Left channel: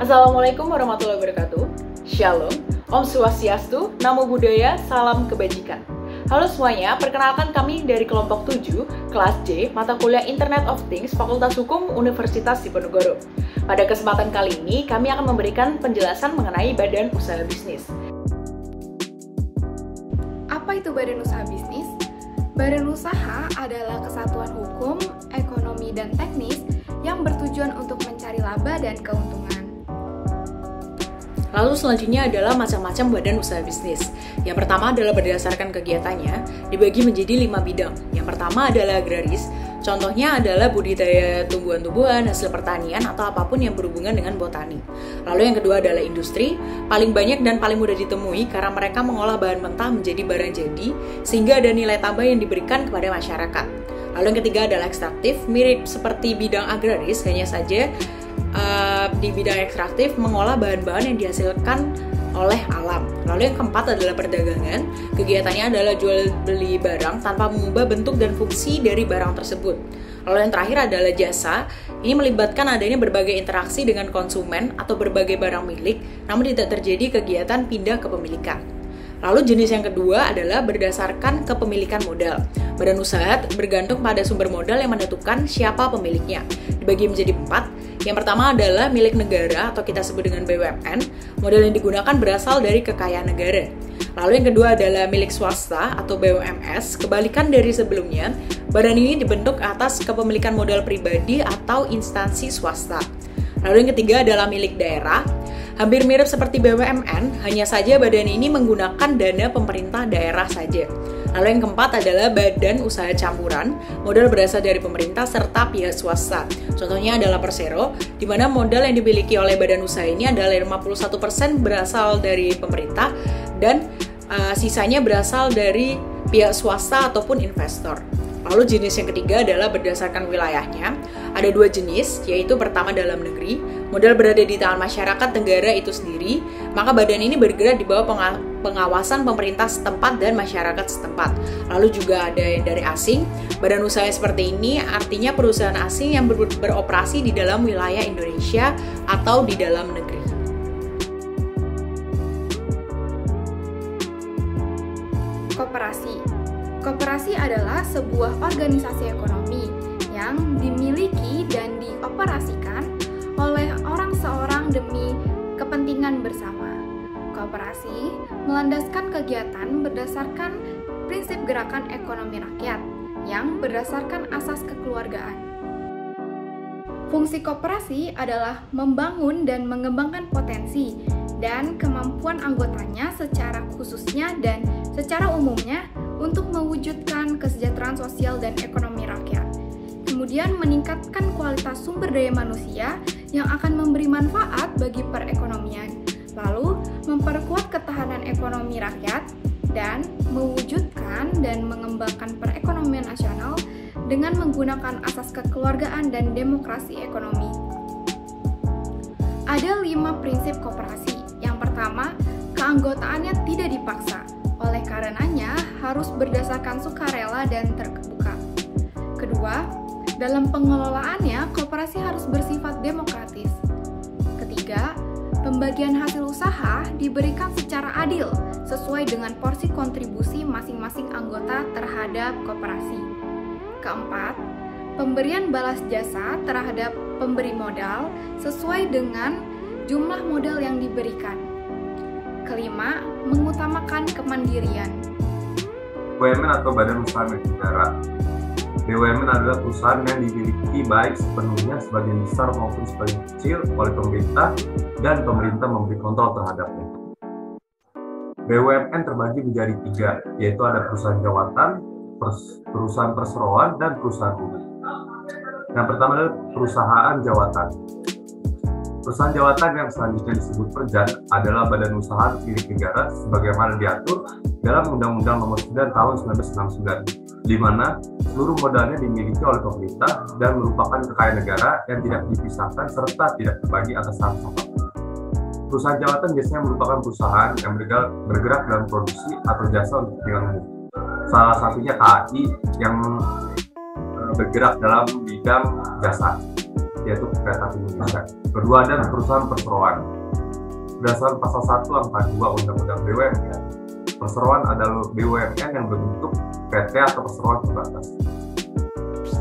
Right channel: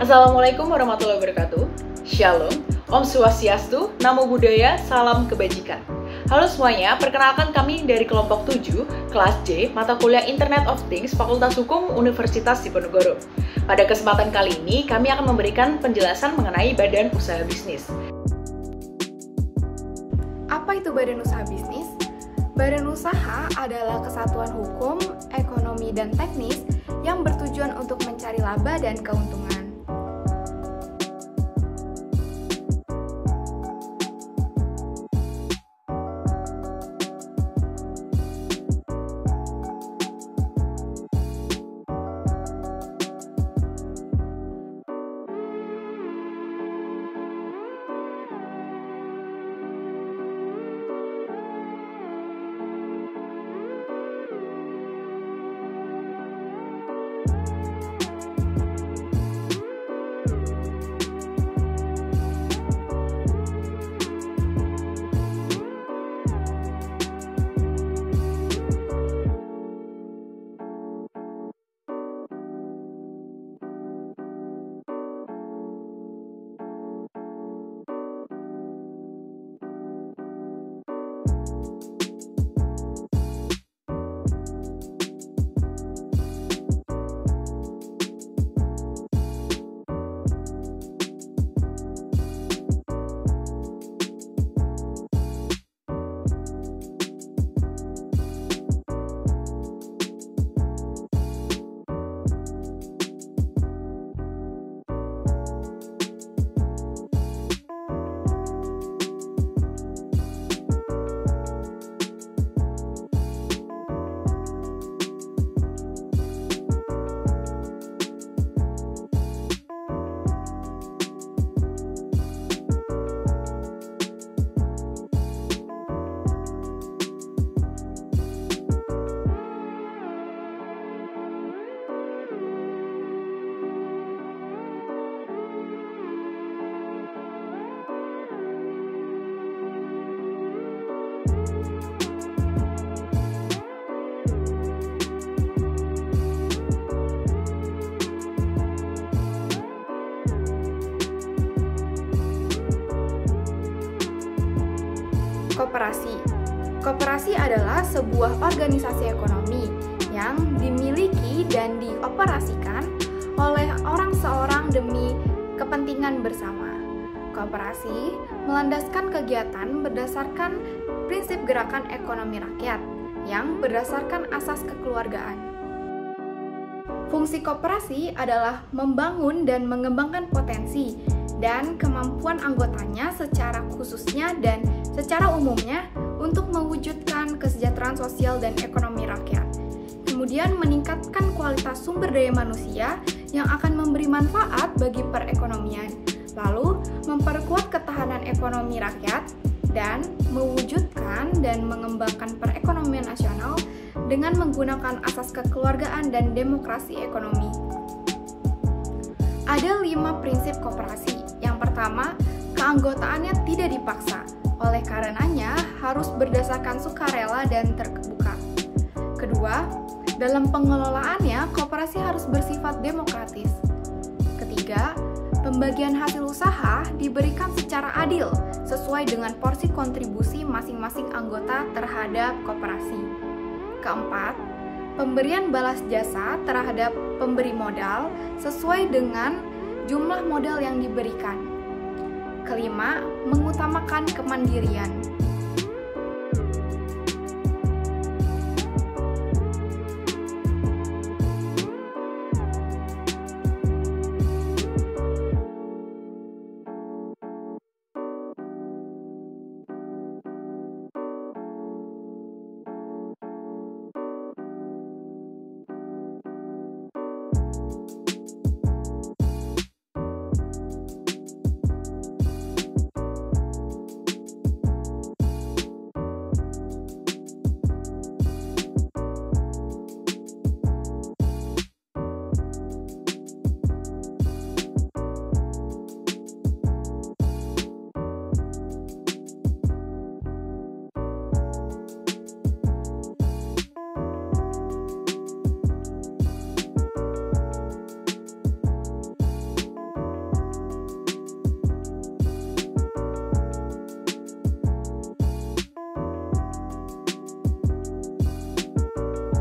Assalamualaikum warahmatullahi wabarakatuh. Shalom, Om Swastiastu, Namo Buddhaya, Salam Kebajikan. Halo semuanya, perkenalkan kami dari kelompok 7, kelas J, mata kuliah Internet of Things, Fakultas Hukum Universitas Diponegoro. Pada kesempatan kali ini, kami akan memberikan penjelasan mengenai badan usaha bisnis. Apa itu badan usaha bisnis? Badan usaha adalah kesatuan hukum, ekonomi, dan teknis yang bertujuan untuk mencari laba dan keuntungan. Lalu selanjutnya adalah macam-macam badan usaha bisnis. Yang pertama adalah berdasarkan kegiatannya, dibagi menjadi 5 bidang. Yang pertama adalah agraris, contohnya adalah budidaya tumbuhan-tumbuhan, hasil pertanian, atau apapun yang berhubungan dengan botani. Lalu yang kedua adalah industri, paling banyak dan paling mudah ditemui karena mereka mengolah bahan mentah menjadi barang jadi, sehingga ada nilai tambah yang diberikan kepada masyarakat. Lalu yang ketiga adalah ekstraktif, mirip seperti bidang agraris, hanya saja di bidang ekstraktif mengolah bahan-bahan yang dihasilkan oleh alam. Lalu yang keempat adalah perdagangan, kegiatannya adalah jual beli barang tanpa mengubah bentuk dan fungsi dari barang tersebut. Lalu yang terakhir adalah jasa, ini melibatkan adanya berbagai interaksi dengan konsumen atau berbagai barang milik, namun tidak terjadi kegiatan pindah kepemilikan. Lalu jenis yang kedua adalah berdasarkan kepemilikan modal. Badan usaha bergantung pada sumber modal yang menentukan siapa pemiliknya. Dibagi menjadi 4. Yang pertama adalah milik negara atau kita sebut dengan BUMN. Modal yang digunakan berasal dari kekayaan negara. Lalu yang kedua adalah milik swasta atau BUMS. Kebalikan dari sebelumnya, badan ini dibentuk atas kepemilikan modal pribadi atau instansi swasta. Lalu yang ketiga adalah milik daerah. Hampir mirip seperti BUMN, hanya saja badan ini menggunakan dana pemerintah daerah saja. Lalu yang keempat adalah badan usaha campuran, modal berasal dari pemerintah serta pihak swasta. Contohnya adalah Persero, di mana modal yang dimiliki oleh badan usaha ini adalah 51% berasal dari pemerintah dan sisanya berasal dari pihak swasta ataupun investor. Lalu jenis yang ketiga adalah berdasarkan wilayahnya. Ada 2 jenis, yaitu pertama dalam negeri, modal berada di tangan masyarakat negara itu sendiri, maka badan ini bergerak di bawah pengawasan pemerintah setempat dan masyarakat setempat. Lalu juga ada yang dari asing, badan usaha seperti ini artinya perusahaan asing yang beroperasi di dalam wilayah Indonesia atau di dalam negeri. Koperasi adalah sebuah organisasi ekonomi yang dimiliki dan dioperasikan oleh orang seorang demi kepentingan bersama. Koperasi melandaskan kegiatan berdasarkan prinsip gerakan ekonomi rakyat yang berdasarkan asas kekeluargaan. Fungsi koperasi adalah membangun dan mengembangkan potensi dan kemampuan anggotanya secara khususnya dan secara umumnya untuk mewujudkan kesejahteraan sosial dan ekonomi rakyat. Kemudian meningkatkan kualitas sumber daya manusia yang akan memberi manfaat bagi perekonomian. Lalu memperkuat ketahanan ekonomi rakyat dan mewujudkan dan mengembangkan perekonomian nasional dengan menggunakan asas kekeluargaan dan demokrasi ekonomi. Ada 5 prinsip koperasi. Yang pertama, keanggotaannya tidak dipaksa. Oleh karenanya, harus berdasarkan sukarela dan terbuka. Kedua, dalam pengelolaannya, koperasi harus bersifat demokratis. Ketiga, pembagian hasil usaha diberikan secara adil, sesuai dengan porsi kontribusi masing-masing anggota terhadap koperasi. Keempat, pemberian balas jasa terhadap pemberi modal sesuai dengan jumlah modal yang diberikan. Kelima, mengutamakan kemandirian. BUMN atau Badan Usaha Milik Negara. BUMN adalah perusahaan yang dimiliki baik sepenuhnya sebagian besar maupun sebagian kecil oleh pemerintah dan pemerintah memberi kontrol terhadapnya. BUMN terbagi menjadi 3, yaitu ada perusahaan jawatan, perusahaan perseroan, dan perusahaan umum. Yang pertama adalah perusahaan jawatan. Perusahaan jawatan yang selanjutnya disebut Perjat adalah badan usaha milik negara sebagaimana diatur dalam Undang-Undang Nomor 9 Tahun 1969, di mana seluruh modalnya dimiliki oleh pemerintah dan merupakan kekayaan negara yang tidak dipisahkan serta tidak terbagi atas nama. Perusahaan jawatan biasanya merupakan perusahaan yang bergerak dalam produksi atau jasa untuk kepentingan umum. Salah satunya KAI yang bergerak dalam bidang jasa, yaitu Kereta Api Indonesia. Kedua ada perusahaan perseroan. Berdasarkan pasal 1 angka 2 Undang-Undang BUMN, perseroan adalah BUMN yang berbentuk PT atau perseroan terbatas,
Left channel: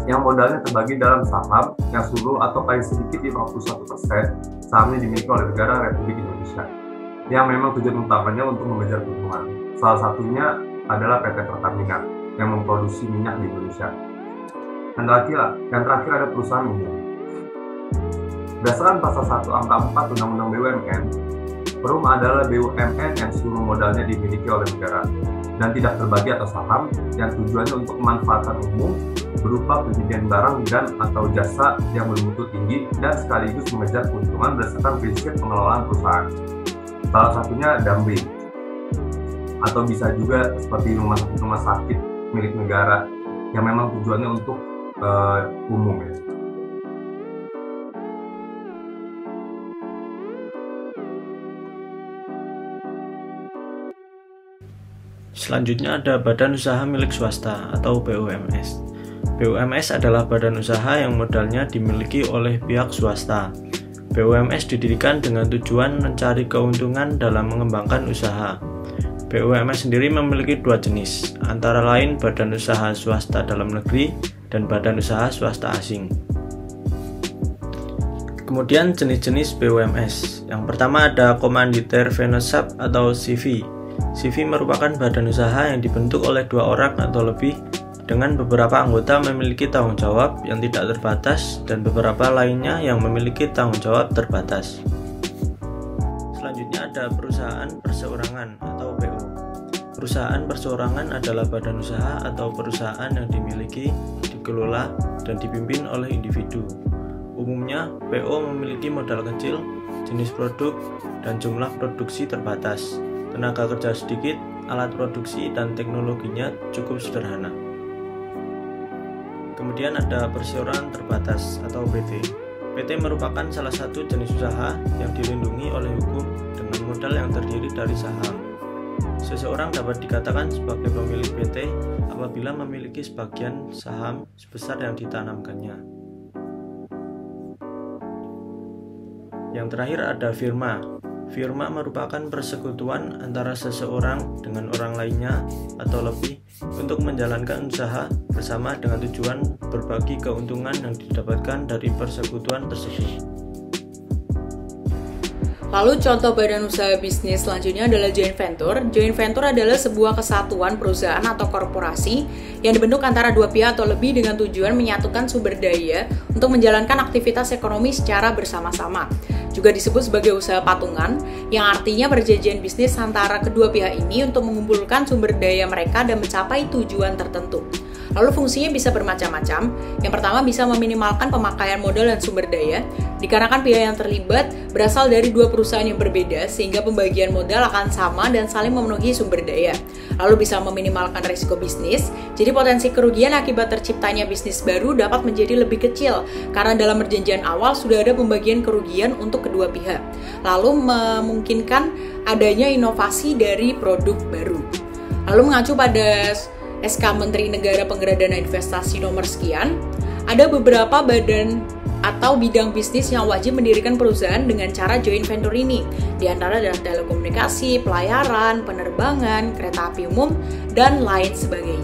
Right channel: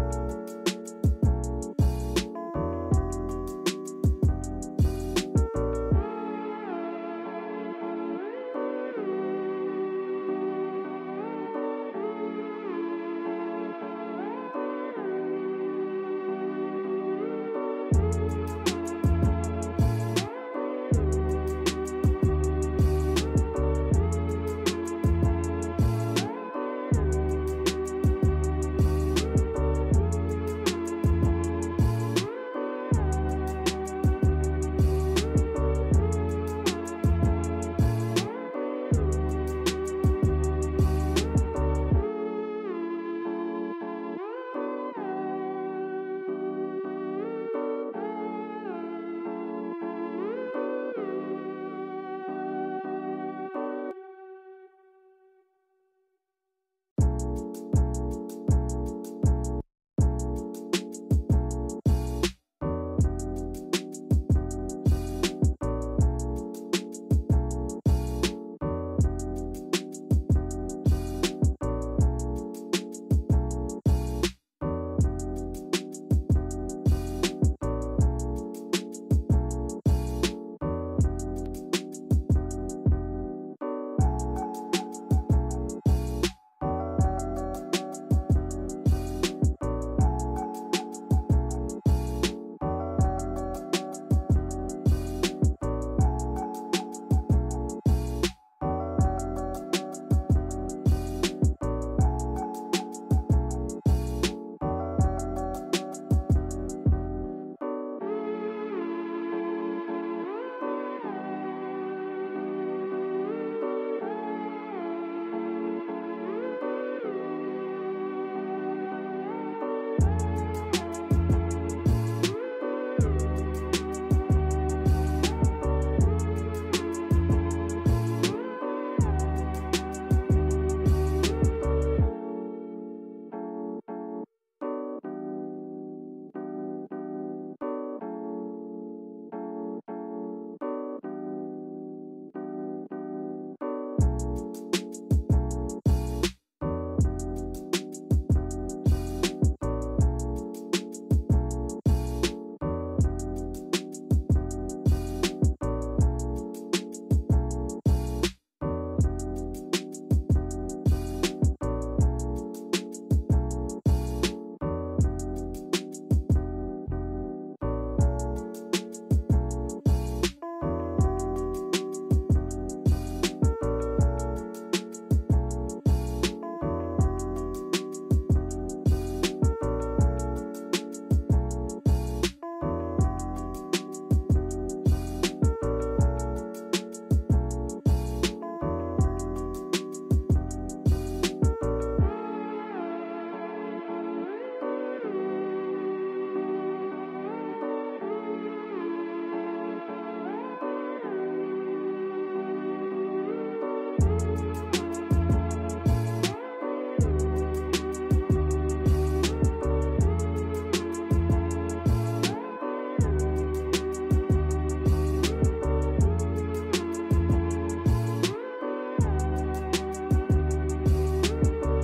yang modalnya terbagi dalam saham yang seluruh atau paling sedikit di 51% sahamnya dimiliki oleh negara Republik Indonesia, yang memang tujuan utamanya untuk mengejar keuntungan. Salah satunya adalah PT Pertamina yang memproduksi minyak di Indonesia. Yang terakhir ada perusahaan umum. Berdasarkan pasal 1 angka 4 Undang-Undang BUMN, Perum adalah BUMN yang seluruh modalnya dimiliki oleh negara dan tidak terbagi atas saham yang tujuannya untuk kemanfaatan umum berupa penjualan barang dan atau jasa yang bermutu tinggi dan sekaligus mengejar keuntungan berdasarkan prinsip pengelolaan perusahaan. Salah satunya Damri, atau bisa juga seperti rumah sakit milik negara yang memang tujuannya untuk umum. Selanjutnya ada Badan Usaha Milik Swasta atau BUMS. BUMS adalah badan usaha yang modalnya dimiliki oleh pihak swasta. BUMS didirikan dengan tujuan mencari keuntungan dalam mengembangkan usaha. BUMS sendiri memiliki dua jenis, antara lain badan usaha swasta dalam negeri dan badan usaha swasta asing. Kemudian jenis-jenis BUMS. Yang pertama ada Komanditer Venosub atau CV. CV merupakan badan usaha yang dibentuk oleh 2 orang atau lebih dengan beberapa anggota memiliki tanggung jawab yang tidak terbatas dan beberapa lainnya yang memiliki tanggung jawab terbatas. Selanjutnya ada perusahaan perseorangan atau PO. Perusahaan perseorangan adalah badan usaha atau perusahaan yang dimiliki, dikelola, dan dipimpin oleh individu. Umumnya, PO memiliki modal kecil, jenis produk, dan jumlah produksi terbatas. Tenaga kerja sedikit, alat produksi dan teknologinya cukup sederhana. Kemudian ada perseorangan terbatas atau PT. PT merupakan salah satu jenis usaha yang dilindungi oleh hukum dengan modal yang terdiri dari saham. Seseorang dapat dikatakan sebagai pemilik PT apabila memiliki sebagian saham sebesar yang ditanamkannya. Yang terakhir ada firma. Firma merupakan persekutuan antara seseorang dengan orang lainnya atau lebih untuk menjalankan usaha bersama dengan tujuan berbagi keuntungan yang didapatkan dari persekutuan tersebut. Lalu contoh badan usaha bisnis selanjutnya adalah joint venture. Joint venture adalah sebuah kesatuan perusahaan atau korporasi yang dibentuk antara 2 pihak atau lebih dengan tujuan menyatukan sumber daya untuk menjalankan aktivitas ekonomi secara bersama-sama. Juga disebut sebagai usaha patungan, yang artinya perjanjian bisnis antara kedua pihak ini untuk mengumpulkan sumber daya mereka dan mencapai tujuan tertentu. Lalu fungsinya bisa bermacam-macam. Yang pertama bisa meminimalkan pemakaian modal dan sumber daya, dikarenakan pihak yang terlibat berasal dari 2 perusahaan yang berbeda sehingga pembagian modal akan sama dan saling memenuhi sumber daya. Lalu bisa meminimalkan risiko bisnis, jadi potensi kerugian akibat terciptanya bisnis baru dapat menjadi lebih kecil karena dalam perjanjian awal sudah ada pembagian kerugian untuk kedua pihak. Lalu memungkinkan adanya inovasi dari produk baru. Lalu mengacu pada SK Menteri Negara Penggerak Dana Investasi nomor sekian, ada beberapa badan atau bidang bisnis yang wajib mendirikan perusahaan dengan cara joint venture ini, di antara adalah telekomunikasi, pelayaran, penerbangan, kereta api umum, dan lain sebagainya.